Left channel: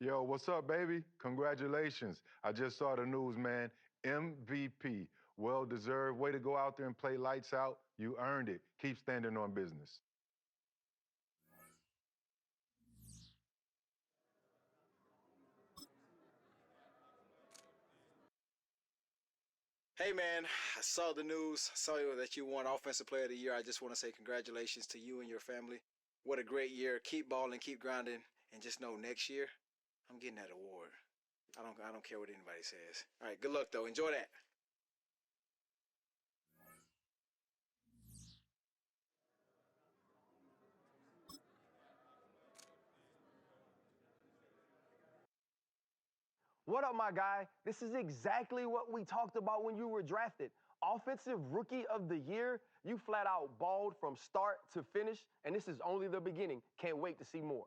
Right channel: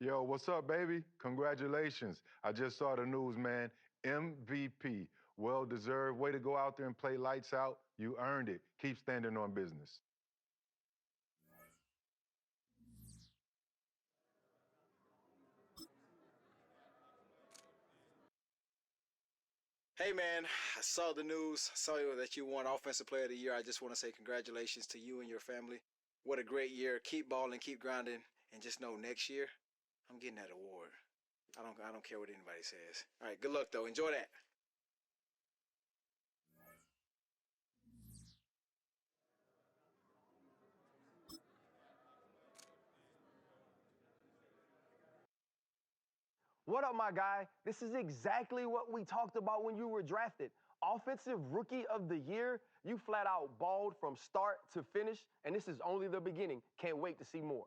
Yo, what's up, baby? Congratulations. I just saw the news, man. MVP. Well deserved. Way to go out there and play lights out. You earned it. Keep standing on business. Hey man, I saw the news, saw that you won Offensive Player of the Year. I just want to say congratulations to you and your family. What a great year. Keep balling, keep grinding, and just know next year I'm getting that award. I don't care what anybody says. All right, good luck though. Enjoy that. What up, my guy? This is exactly what we talked about when you were drafted. Offensive Rookie of the Year. You flat out balled from start to finish, and this is only the beginning. Can't wait to see more.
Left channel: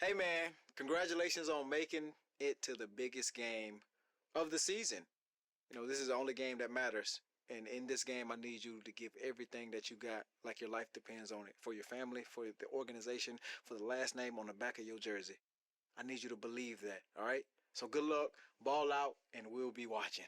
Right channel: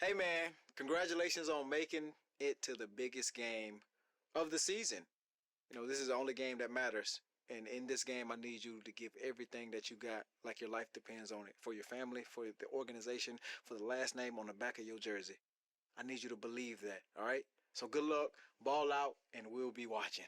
Hey man, congratulations on making it to the biggest game of the season. This is the only game that matters. And in this game, I need you to give everything that you got, like your life depends on it, for your family, for the organization, for the last name on the back of your jersey. I need you to believe that, all right? So good luck, ball out, and we'll be watching.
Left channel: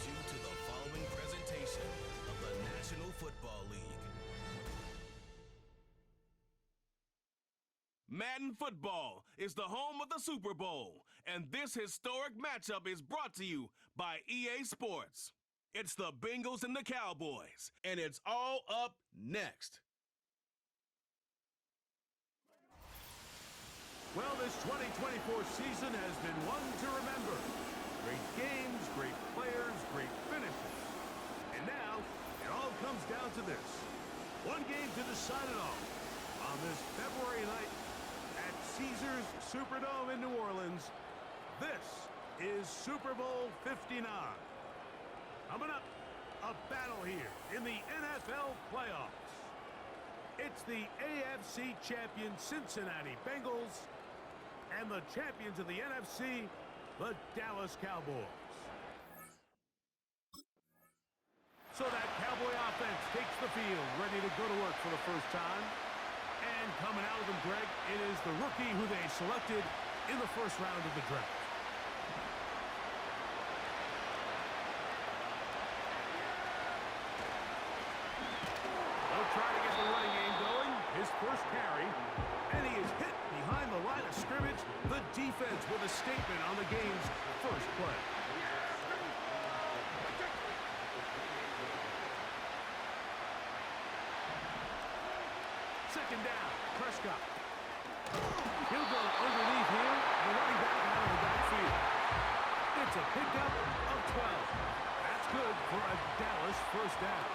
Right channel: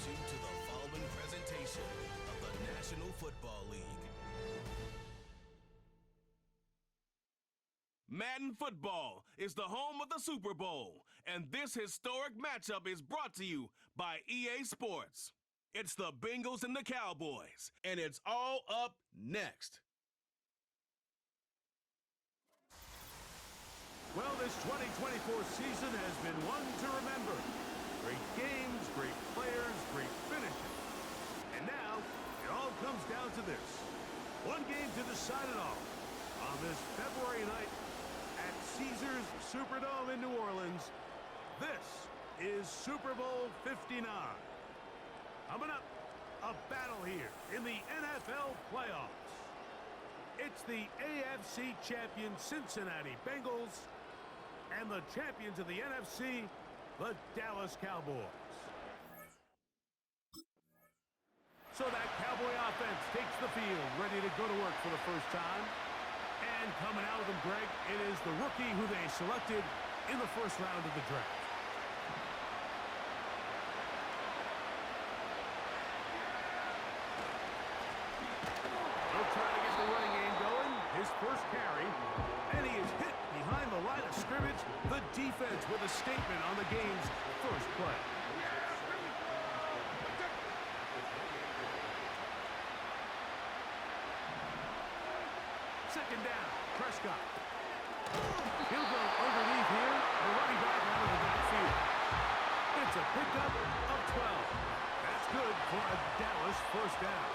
welcomes you to the following presentation of the National Football League. Madden Football is the home of the Super Bowl, and this historic matchup is brought to you by EA Sports. It's the Bengals and the Cowboys, and it's all up next. Well, this 2024 season has been one to remember. Great games, great players, great finishes. And now, it all comes down to this. One game to decide it all. On this February night at Caesars Superdome in New Orleans, this is Super Bowl 59. Coming up, a battle here in the NFL playoffs. It's the AFC champion Cincinnati Bengals and the champions of the NFC, the Dallas Cowboys. So that Cowboy offense takes the field, ready to go to work for the first time. And coming out of them, Greg, it is the rookie who they selected in the first round of the draft. They'll try to get the running game going. His first carry. And he is hit behind the line of scrimmage. The defense with a statement on the game's first play. Second down, Prescott. He'll go underneath here, the running back out of the backfield. It's a pickup of 12. That's good for a Dallas first down.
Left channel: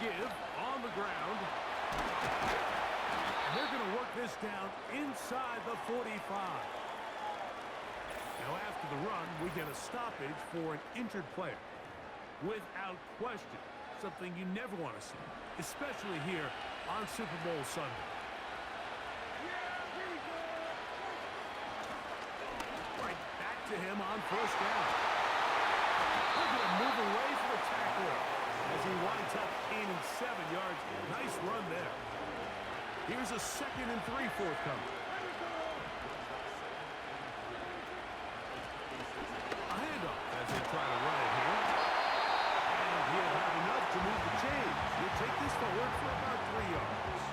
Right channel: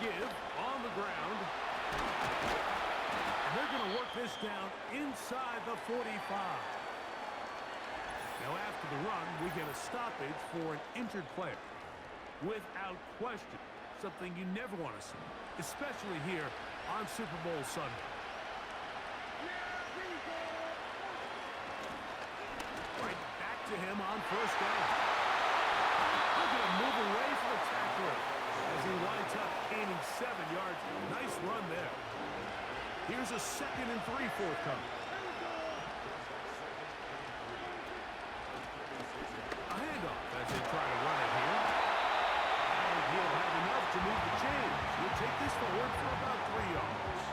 Give on the ground. And they're going to work this down inside the 45. Now after the run, we get a stoppage for an injured player. Without question, something you never want to see, especially here on Super Bowl Sunday. Right back to him on first down. They're going to move away from the tackler as he winds up gaining 7 yards. Nice run there. Here's a 2nd and 3 forthcoming. A handoff as they try to run it here. And he'll have enough to move the chains. He'll take this forward for about 3 yards.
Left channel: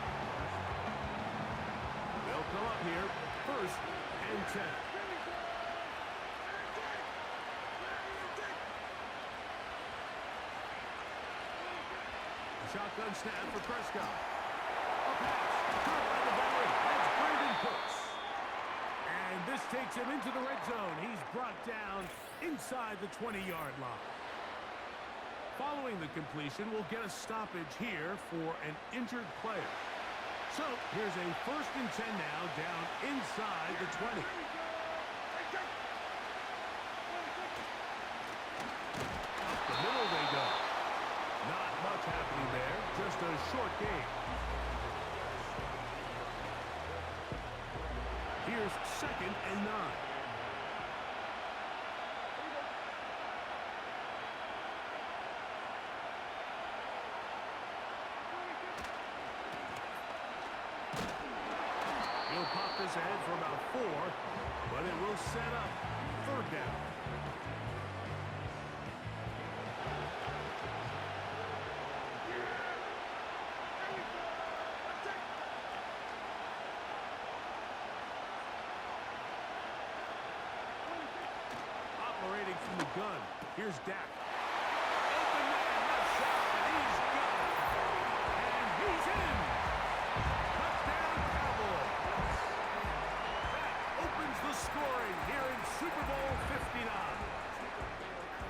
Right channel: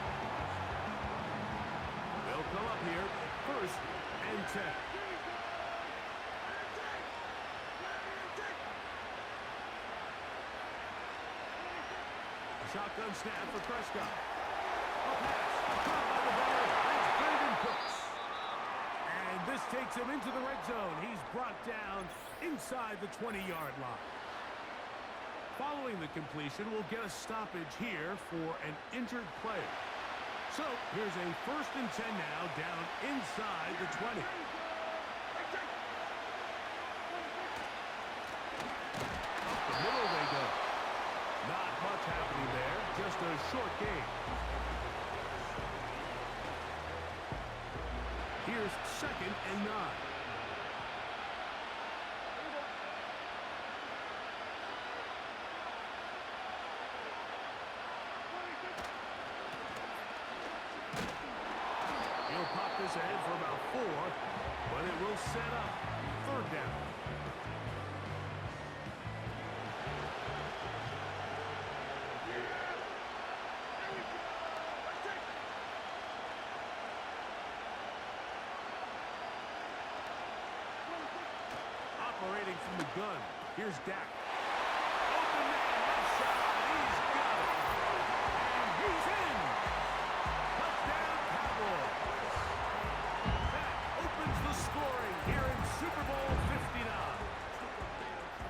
They'll come up here, 1st and 10. Shotgun snap for Prescott. A pass caught by the veteran. That's Brandon Cooks. And this takes him into the red zone. He's brought down inside the 20-yard line. Following the completion, we'll get a stoppage here for an injured player. So here's a 1st and 10 now, down inside the 20. Up the middle they go. Not much happening there, just a short game. Here's 2nd and 9. He'll pop this ahead for about 4, but it will set up 3rd down. Operating from the gun. Here's Dak. Open man, left side. He's got it. And he's in. Touchdown, Cowboys. That opens the scoring here in Super Bowl 59.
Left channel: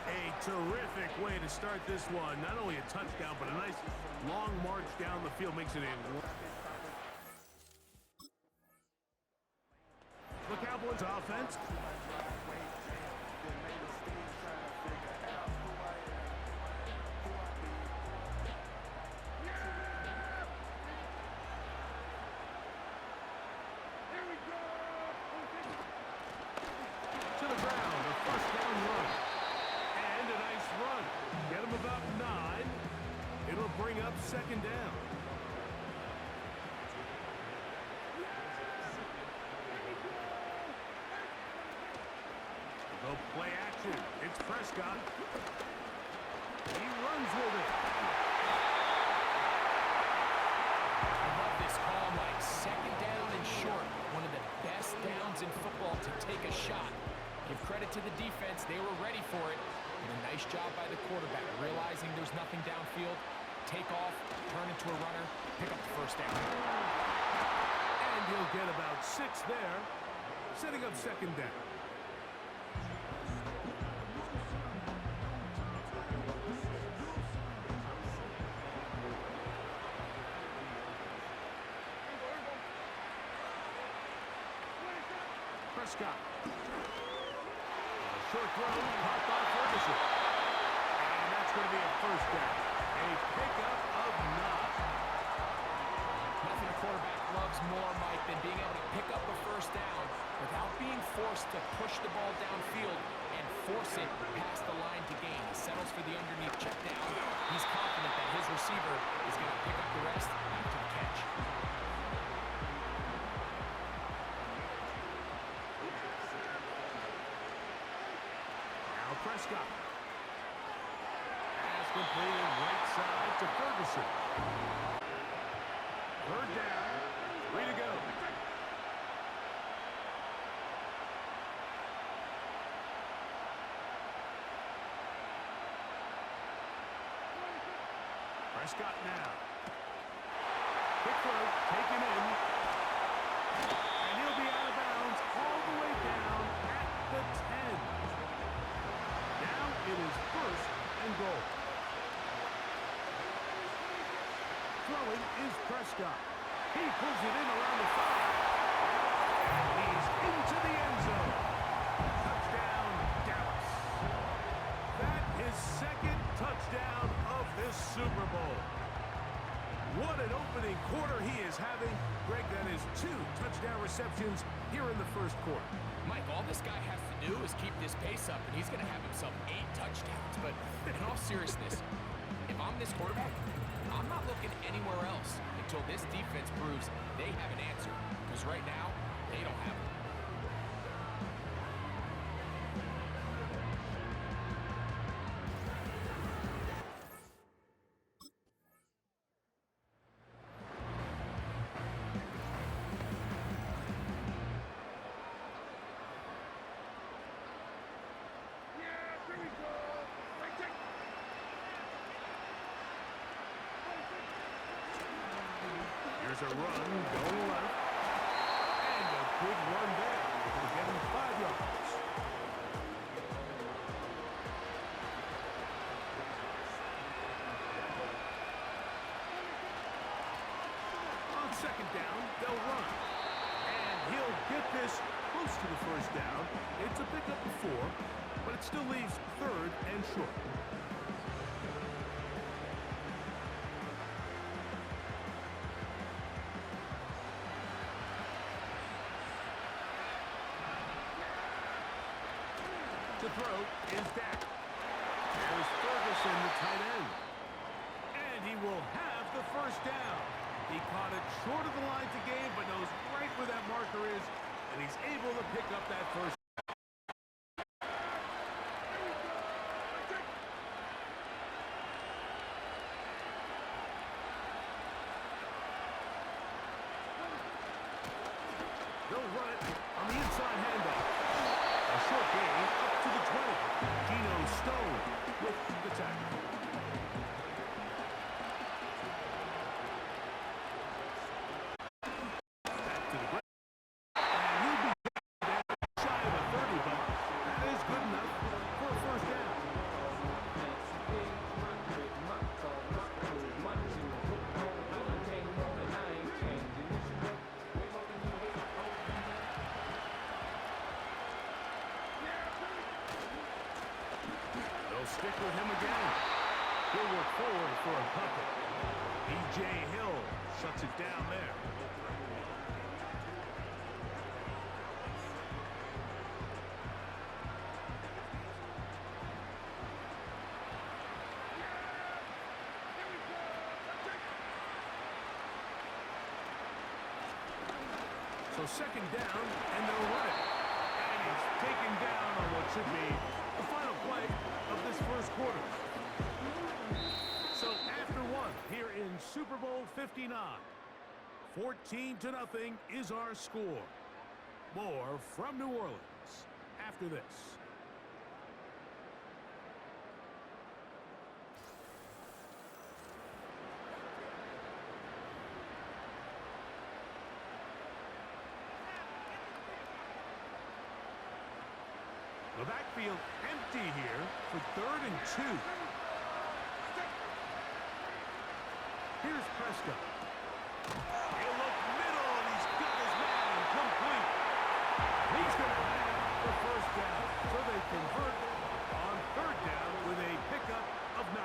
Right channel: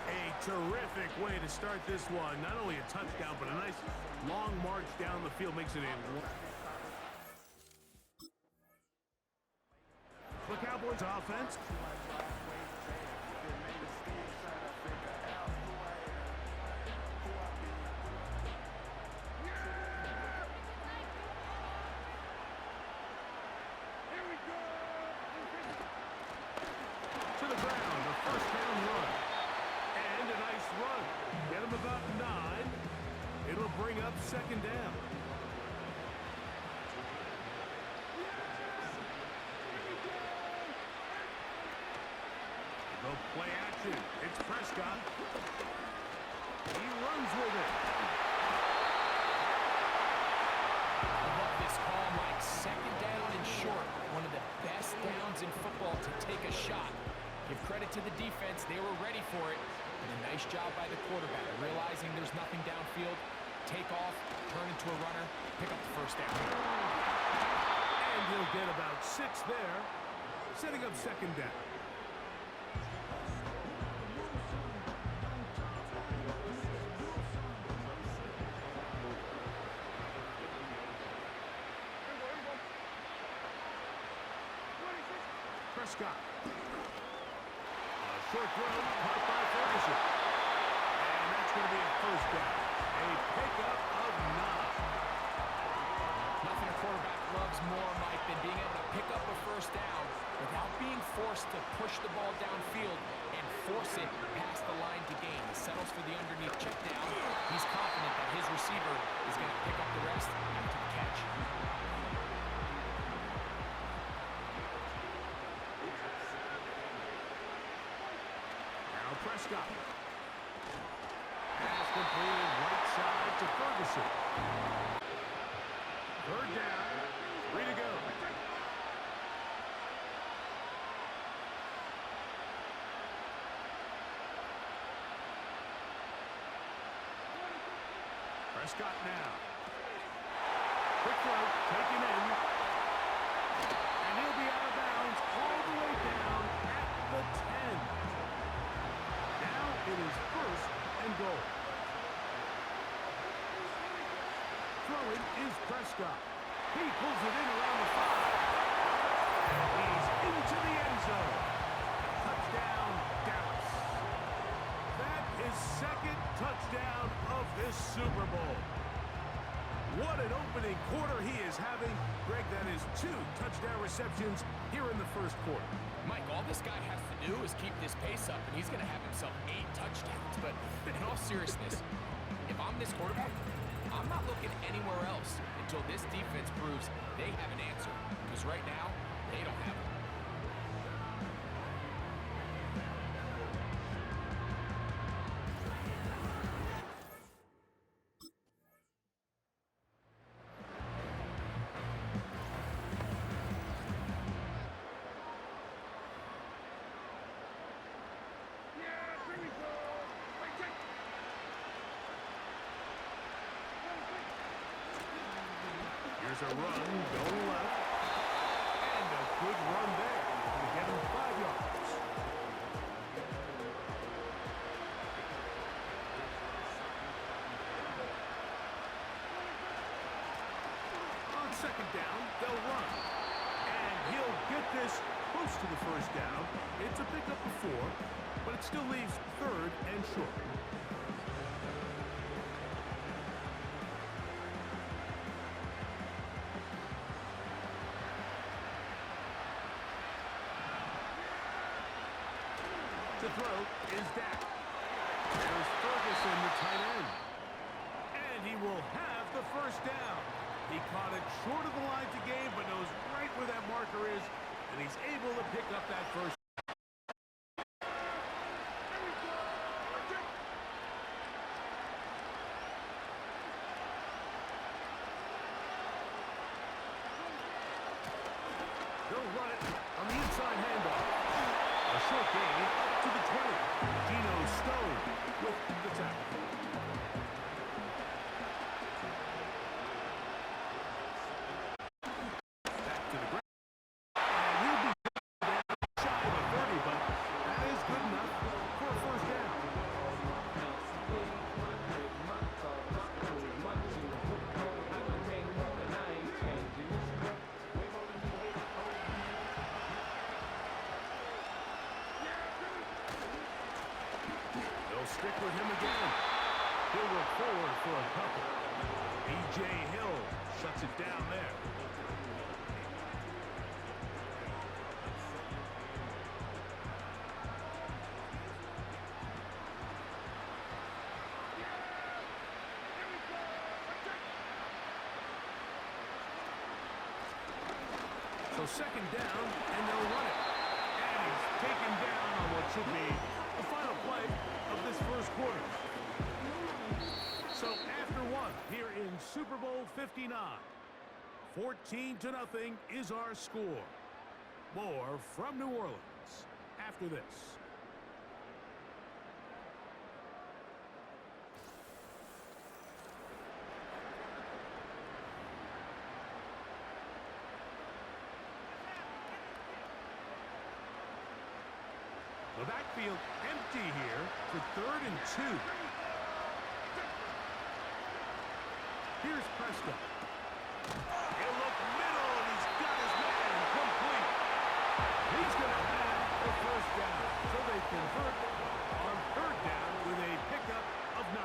A terrific way to start this one. Not only a touchdown, but a nice long march down the field makes it a... The Cowboys offense. To the ground, a 1st down run. And a nice run. Get him about 9. It'll bring up 2nd down. It's Prescott. He runs with it. I love this call, Mike. Second down and short. One of the best downs in football to take a shot. Give credit to the defense. They were ready for it. And a nice job by the quarterback, realizing there's nothing downfield. Take off, turn into a runner, pick up the first down. And he'll get about 6 there, setting up second down. Prescott. A short throw caught by Ferguson. And that's going to be a first down. A pickup of 9. Nothing a quarterback loves more, Mike, than being able to pick up a first down without being forced to push the ball downfield and force it past the line to gain. He settles for the underneath check down. He's confident that his receiver is going to pick up the rest after the catch. Now Prescott. Pass completed right side to Ferguson. Third down, 3 to go. Prescott now. Quick throw, taken in. And he'll be out of bounds all the way down at the 10. Now it is first and goal. Throwing is Prescott. He pulls it in around the 5. And he's into the end zone. Touchdown, Dallas. That is second touchdown of this Super Bowl. What an opening quarter he is having. Greg, that is 2 touchdown receptions here in the first quarter. Mike, all this guy has to do is keep this pace up, and he's going to have himself 8 touchdowns. But in all seriousness, if I'm this quarterback, I'm not looking anywhere else until this defense proves they have an answer. Because right now, they don't have it. Here's a run going left. And a good run there to get him 5 yards. On second down, they'll run. And he'll get this close to the first down. It's a pickup of 4, but it still leaves third and short. To throw is Dak. There's Ferguson, the tight end. And he will have the first down. He caught it short of the line to gain, but knows right where that marker is, and he's able to pick up that first. They'll run it on the inside handoff. A short gain up to the 20. Geno Stone with the tackle. Back to the ground. And he'll be down shy of a 30, but that is good enough for a first down. Stick with him again. He'll work forward for a couple. B.J. Hill shuts it down there. So second down, and they'll run it. And he's taken down on what should be The final play of this first quarter. So after one here in Super Bowl 59, 14-0 is our score. More from New Orleans after this. The backfield empty here for 3rd and 2. Here's Prescott. He'll look middle, and he's got his man complete. He's going to have the first down, so they convert on 3rd down with a pickup of 9.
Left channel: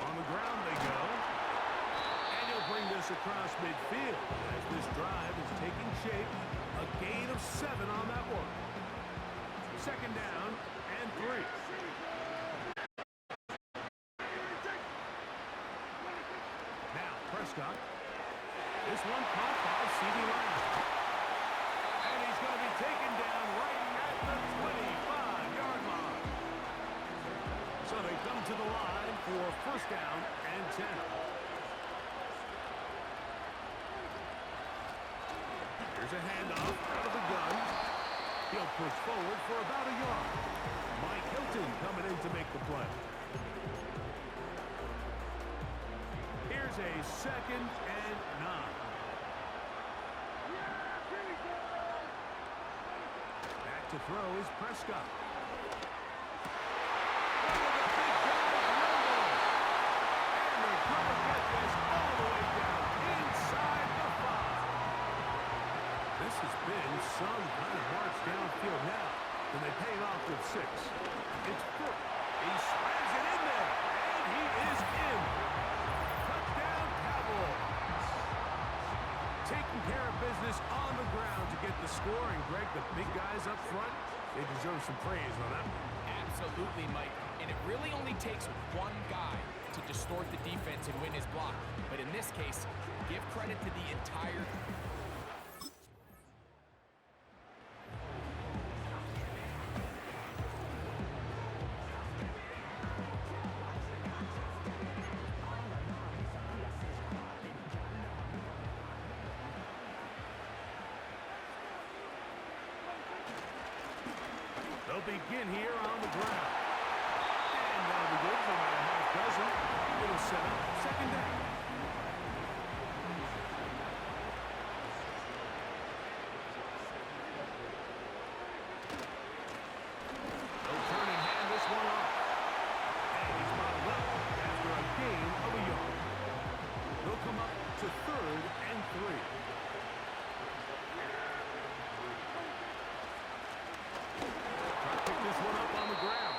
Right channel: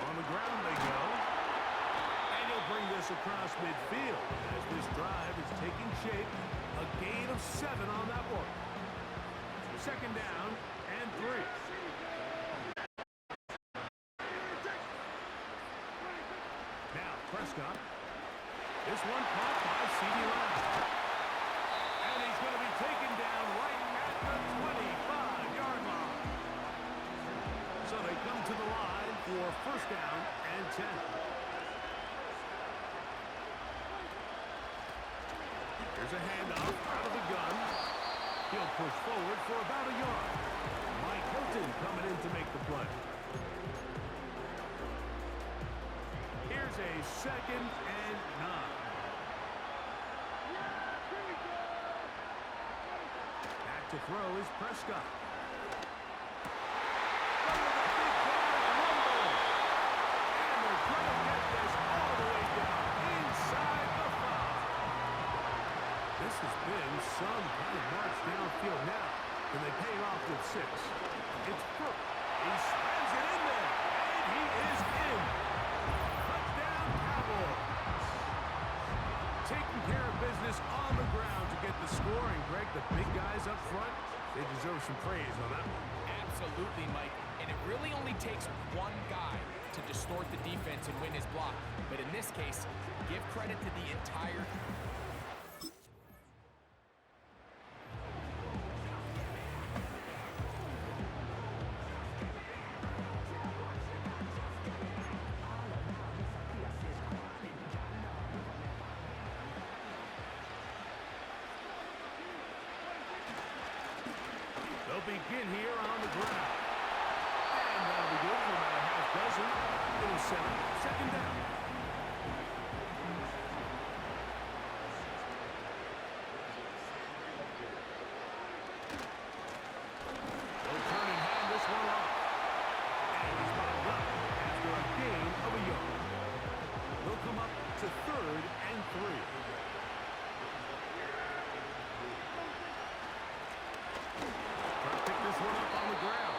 On the ground they go. And he'll bring this across midfield as this drive is taking shape. A gain of 7 on that one. 2nd down and 3. Now Prescott. This one caught by CeeDee Lamb. And he's going to be taken down right at the 25-yard line. So they come to the line for 1st down and 10. Here's a handoff out of the gun. He'll push forward for about a yard. Mike Hilton coming in to make the play. Here's a 2nd and 9. Back to throw is Prescott. Look at the big guy rumble. And they're going to get this all the way down inside the 5. This has been some kind of march downfield now, and they pay it off with 6. It's Burke. He slams it in there, and he is in. Touchdown, Cowboys. Taking care of business on the ground to get the score, and Greg, the big guys up front, they deserve some praise on that one. Absolutely, Mike. And it really only takes one guy to distort the defense and win his block. But in this case, give credit to the entire They'll begin here on the ground. And that'll be good for about a half dozen. It'll set up 2nd down. They'll turn and hand this one off. And he's bottled up after a gain of a yard. They'll come up to 3rd and 3. Pick this one up on the ground.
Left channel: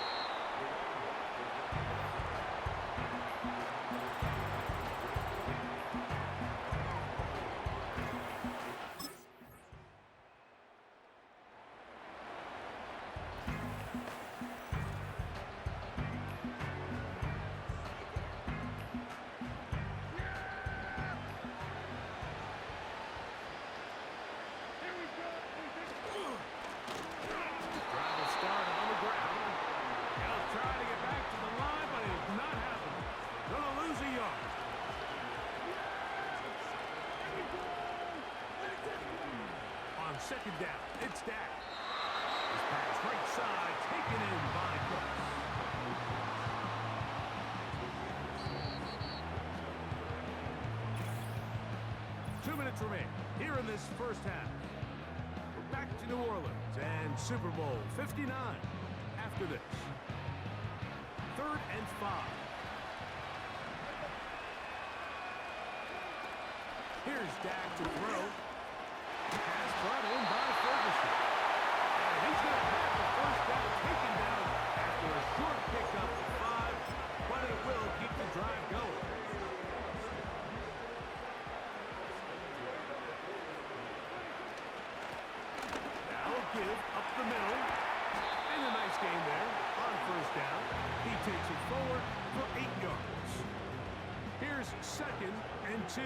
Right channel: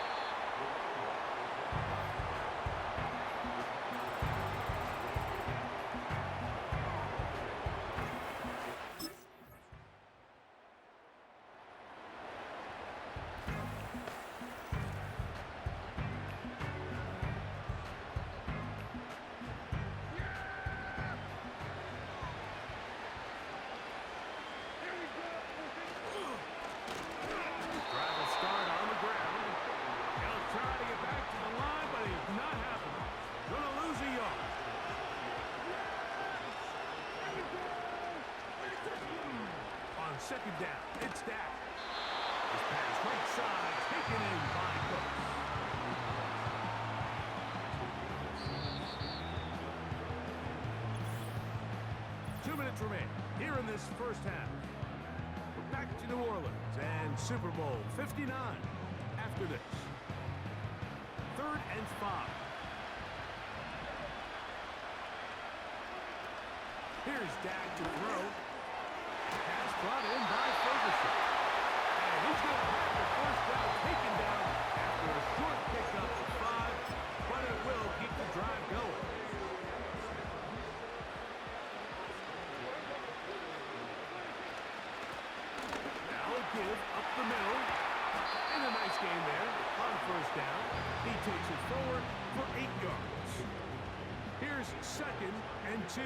Start on the ground. He'll try to get back to the line, but it's not happening. Gonna lose a yard. On 2nd down, it's Dak. This pass right side, taken in by Cooks. Two minutes remain here in this first half. Back to New Orleans and Super Bowl 59 after this. 3rd and 5. Here's Dak to throw. Pass brought in by Ferguson. And he's going to have the 1st down taken down after a short pickup of 5, but it will keep the drive going. Give up the middle. And a nice game there on 1st down. He takes it forward for 8 yards. Here's 2nd and 2.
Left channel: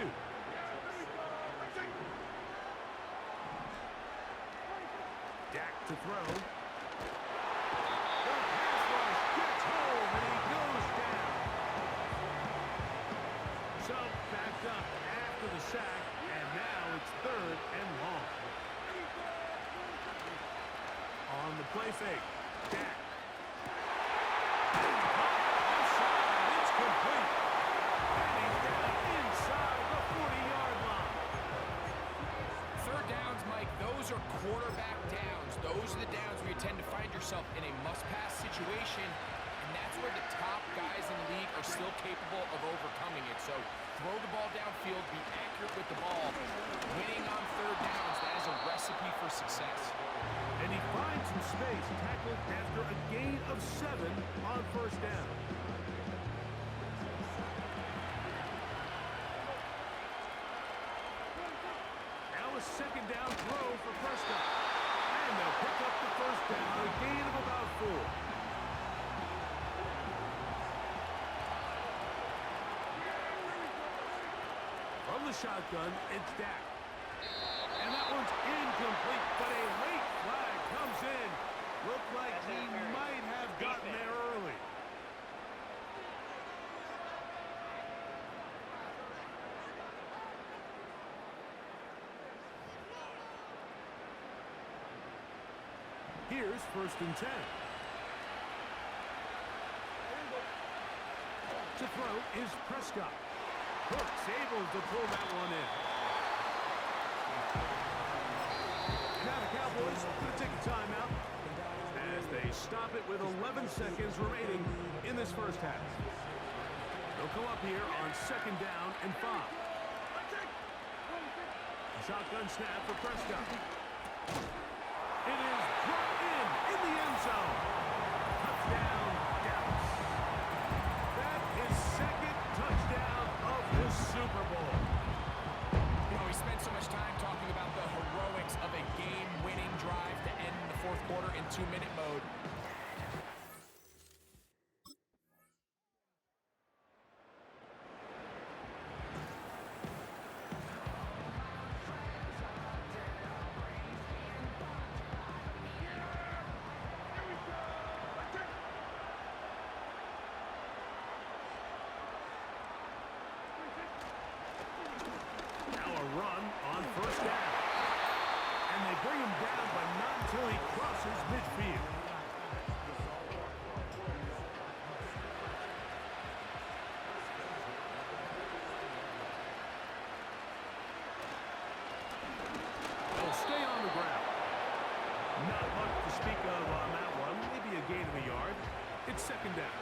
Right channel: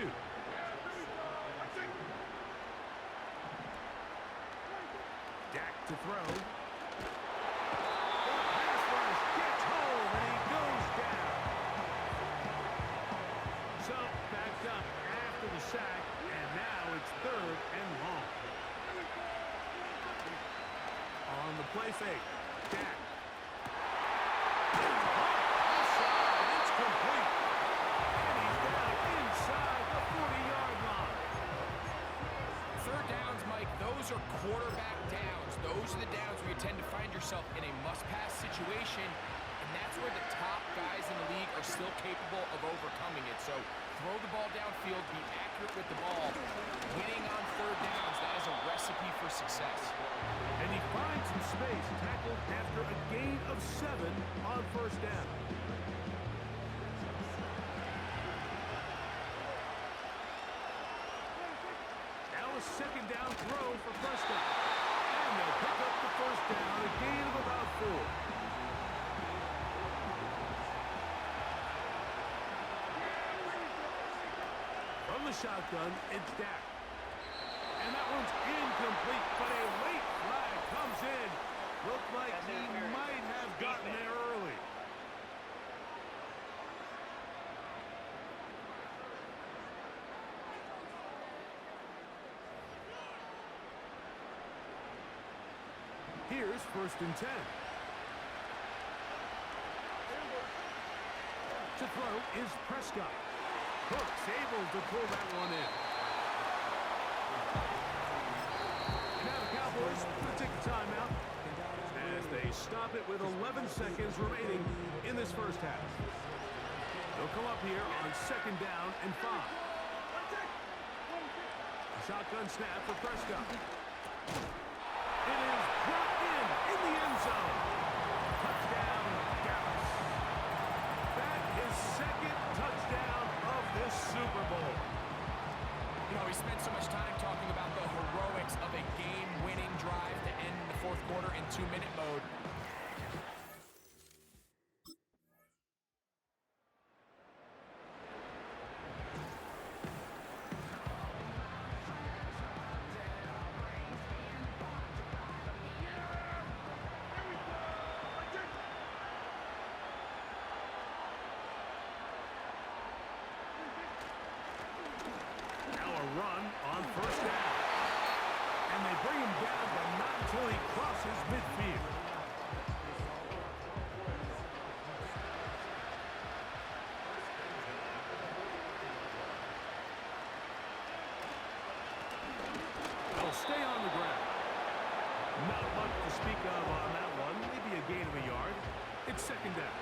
to throw. The pass rush gets home, and he goes down. So, backed up after the sack, and now it's 3rd and long. On the play fake, Dak. Inside, it's complete. And he's down inside the 40-yard line. 3rd downs, Mike, those are quarterback downs. Those are the downs where you tend to find yourself in a must-pass situation, and that's where the top guys in the league are still capable of overcoming it. So throw the ball downfield, be accurate with the ball. Winning on 3rd downs, that is a recipe for success. And he finds some space, tackled after a gain of 7 on 1st down. Now a 2nd down throw for Prescott. And they'll pick up the 1st down, a gain of about 4. From the shotgun, it's Dak. And that one's incomplete, but a late flag comes in. Looked like he might have gotten there early. Here's 1st and 10. To throw is Prescott. Cook's able to pull that one in. And now the Cowboys going to take a timeout as they stop it with 11 seconds remaining in this 1st half. They'll come up here on 2nd down and 5. A shotgun snap for Prescott. It is brought in the end zone. Touchdown, Dallas. That is 2nd touchdown of this Super Bowl. You know, we spent so much time talking about the heroics of a game-winning drive to end the 4th quarter in 2-minute mode. Run on 1st down. And they bring him down, but not until he crosses midfield. They'll stay on the ground. Not much to speak of on that one. Maybe a gain of a yard. It's 2nd down.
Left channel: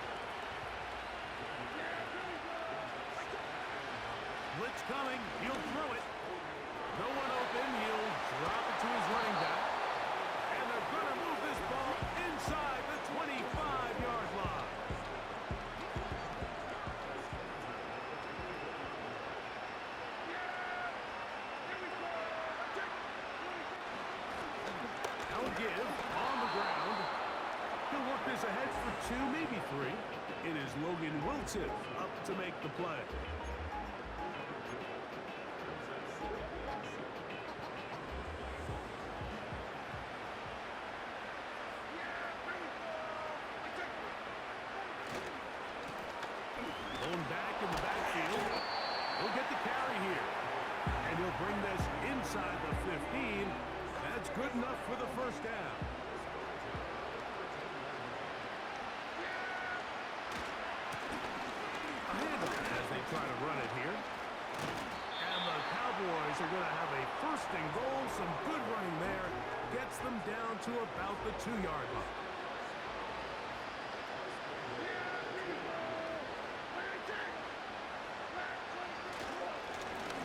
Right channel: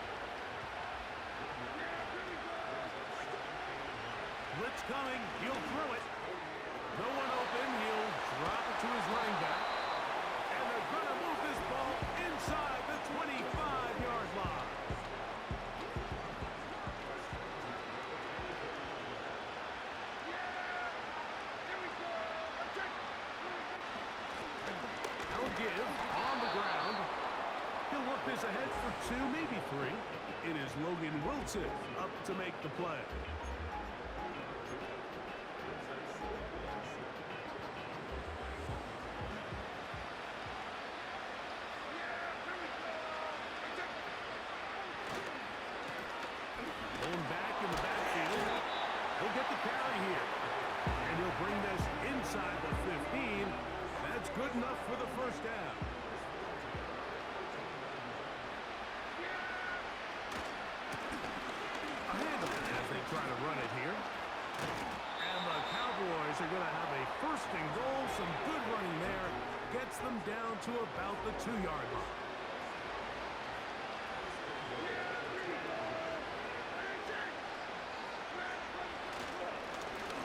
Blitz coming. He'll throw it. No one open. He'll drop it to his running back. And they're going to move this ball inside the 25-yard line. Now give on the ground. He'll work this ahead for 2, maybe 3. It is Logan Wilson up to make the play. Back in the backfield. He'll get the carry here. And he'll bring this inside the 15. That's good enough for the 1st down. A handoff as they try to run it here. And the Cowboys are going to have a 1st and goal. Some good running there. Gets them down to about the 2-yard line.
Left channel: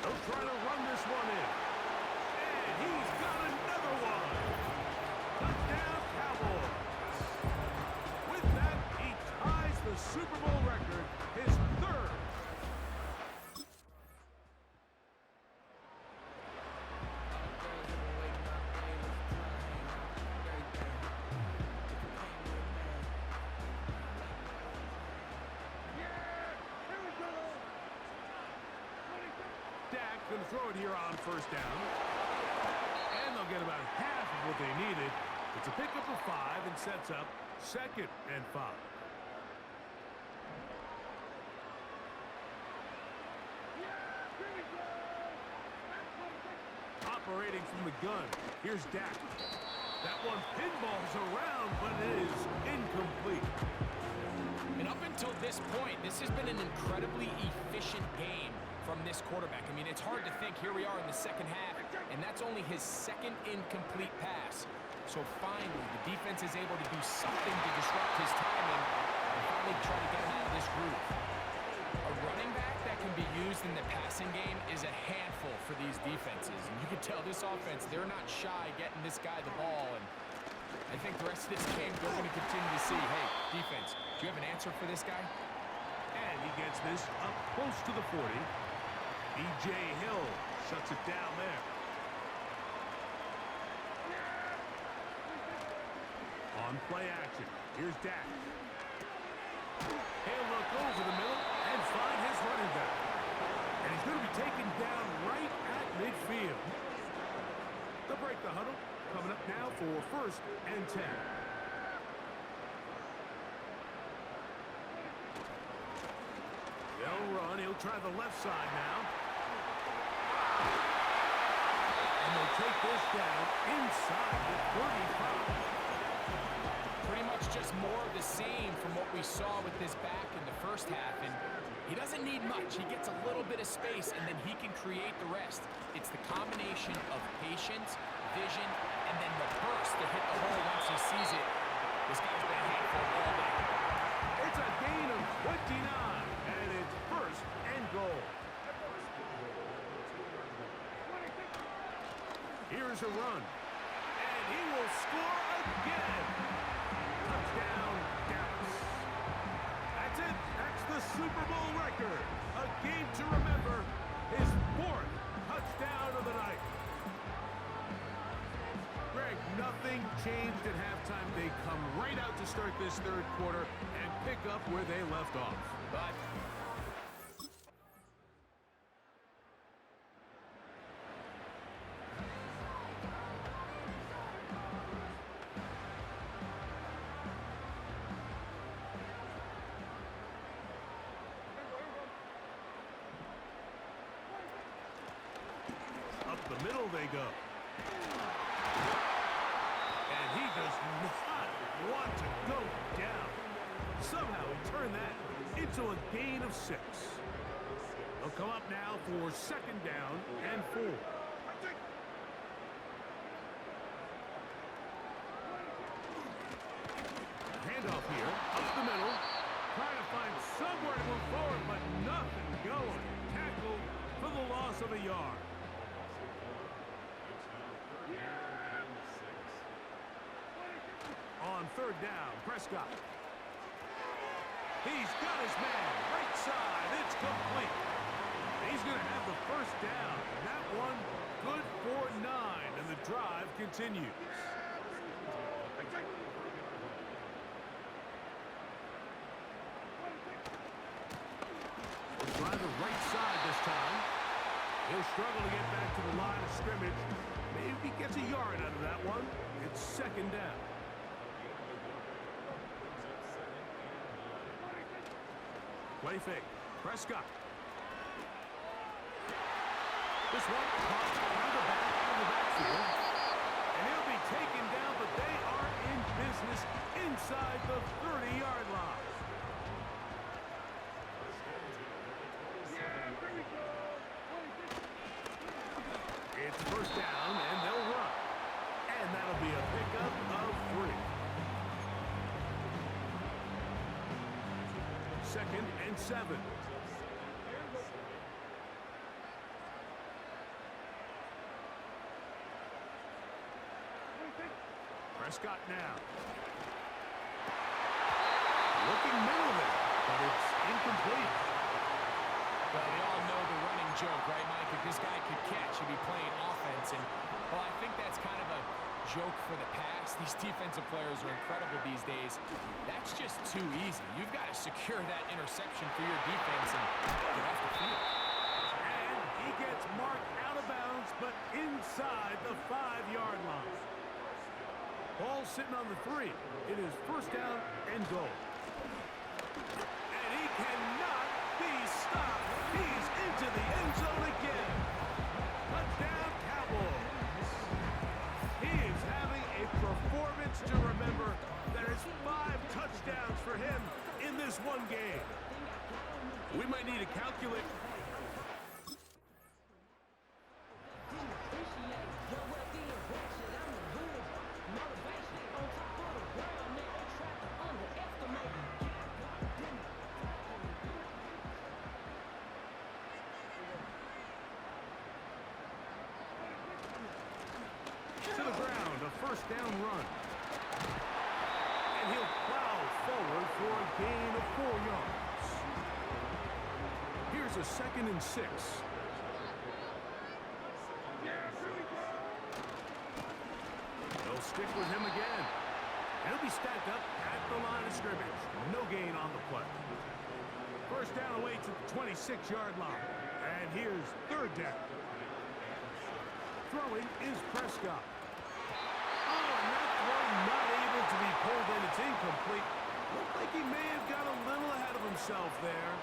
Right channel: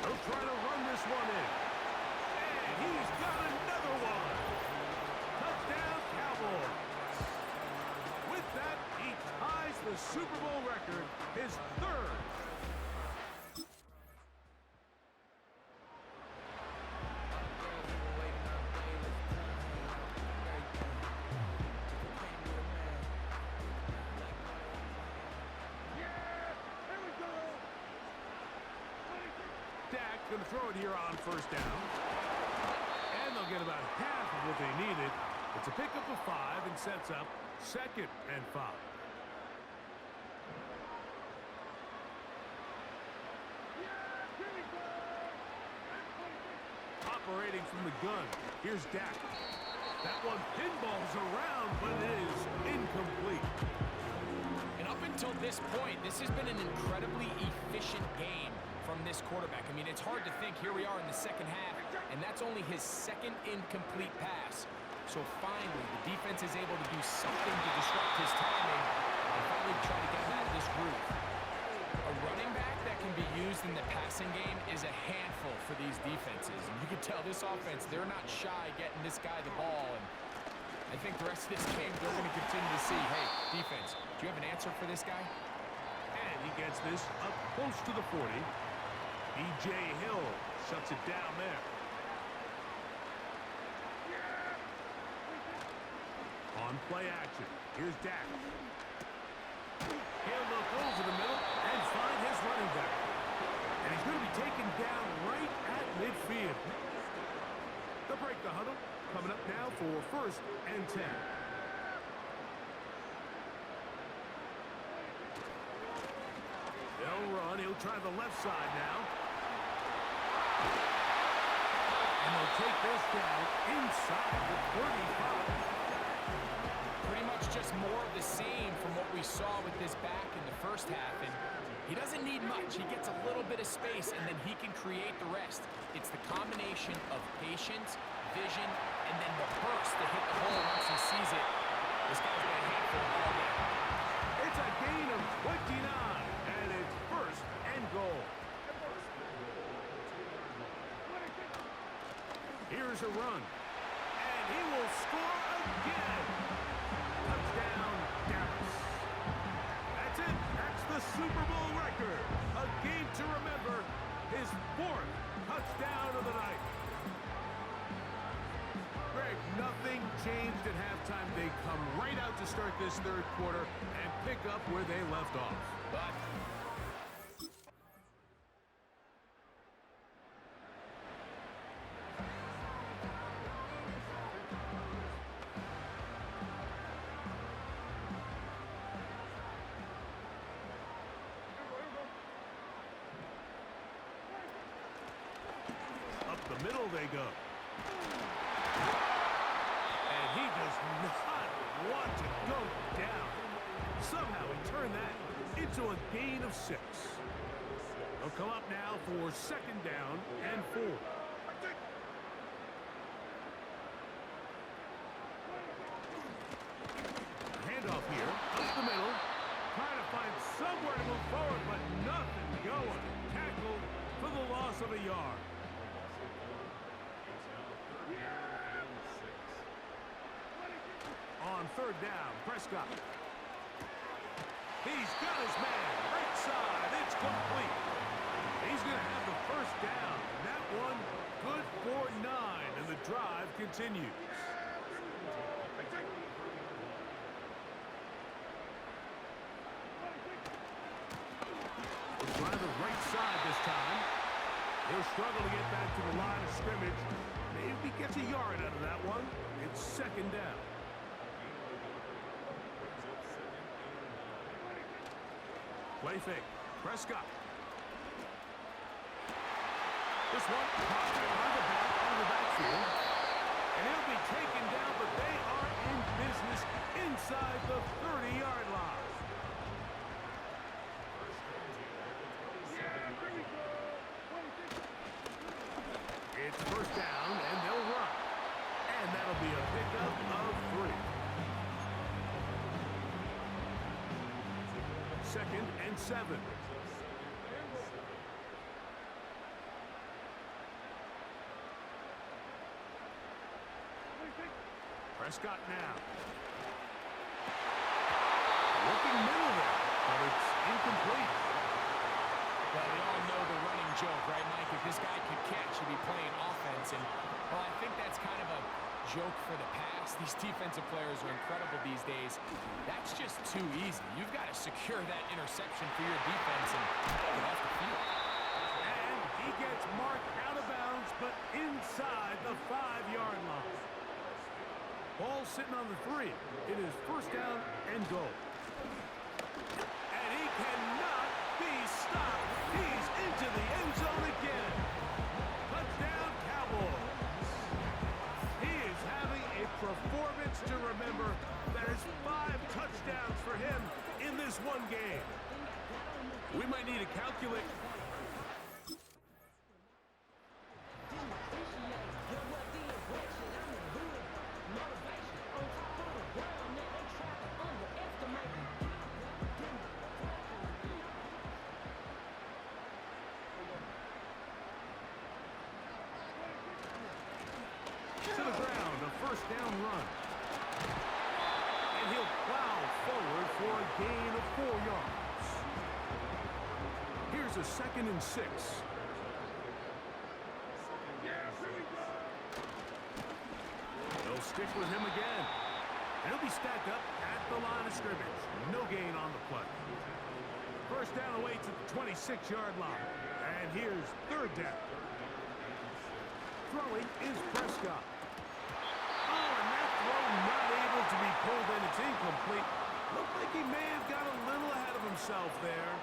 They'll try to run this one in. And he's got another one. Touchdown, Cowboys. With that, he ties the Super Bowl record, his 3rd. Going to throw it here on 1st down. And they'll get about half of what they needed. It's a pickup of 5 and sets up 2nd and 5. Operating from the gun, here's Dak. That one pinballs around, but it is incomplete. And up until this point, this has been an incredibly efficient game from this quarterback. I mean, it's hard to think. Here we are in the second half, and that's only his 2nd incomplete pass. So finally, the defense is able to do something to disrupt his timing and finally try to get him out of this groove. A running back that can be used in the passing game is a handful for these defenses. And you can tell this offense, they're not shy getting this guy the ball. And I think the rest of this game, they're going to continue to see, hey, defense, do you have an answer for this guy? And he gets this up close to the 40. B.J. Hill shuts it down there. On play action, here's Dak. He'll look over the middle and find his running back. And he's going to be taken down right at midfield. They'll break the huddle. Coming up now for 1st and 10. They'll run. He'll try the left side now. And they'll take this down inside the 35. Pretty much just more of the same from what we saw with this back in the first half. And he doesn't need much. He gets a little bit of space, and then he can create the rest. It's the combination of patience, vision, and then the burst to hit the hole once he sees it. This guy's been a handful all day. It's a gain of 29, and it's 1st and goal. Here's a run, and he will score again. Touchdown, Dallas. That's it. That's the Super Bowl record. A game to remember. His 4th touchdown of the night. Greg, nothing changed at halftime. They come right out to start this 3rd quarter and pick up where they left off. But up the middle they go. And he does not want to go down. Somehow he turned that into a gain of 6. They'll come up now for 2nd down and 4. Handoff here, up the middle. Trying to find somewhere to move forward, but nothing going. Tackled for the loss of a yard. On 3rd down, Prescott. He's got his man, right side, it's complete. He's going to have the 1st down. That one good for 9, and the drive continues. We'll try the right side this time. He'll struggle to get back to the line of scrimmage. Maybe gets a yard out of that one. It's 2nd down. Play fake. Prescott. This one caught out of the backfield. And he'll be taken down, but they are in business inside the 30-yard line. It's 1st down, and they'll run. And that'll be a pickup of 3. 2nd and 7. Prescott now. Looking middle there, but it's incomplete. well, we all know the running joke, right, Mike? If this guy could catch, he'd be playing offense. And, well, I think that's kind of a joke for the past. These defensive players are incredible these days. That's just too easy. You've got to secure that interception for your defense and get off the field. And he gets marked out of bounds, but inside the 5-yard line. Ball sitting on the 3. It is first down and goal. And he cannot be stopped. He's into the end zone again. Touchdown, Cowboys. He is having a performance to remember. That is 5 touchdowns for him in this one game. We might need to calculate. To the ground, a first down run. And he'll plow forward for a gain of 4 yards. Here's a 2nd and 6. They'll stick with him again. And he'll be stacked up at the line of scrimmage. No gain on the play. First down away to the 26-yard line. And here's 3rd down. Throwing is Prescott. Oh, and that throw not able to be pulled in. It's incomplete. Looked like he may have got a little ahead of himself there.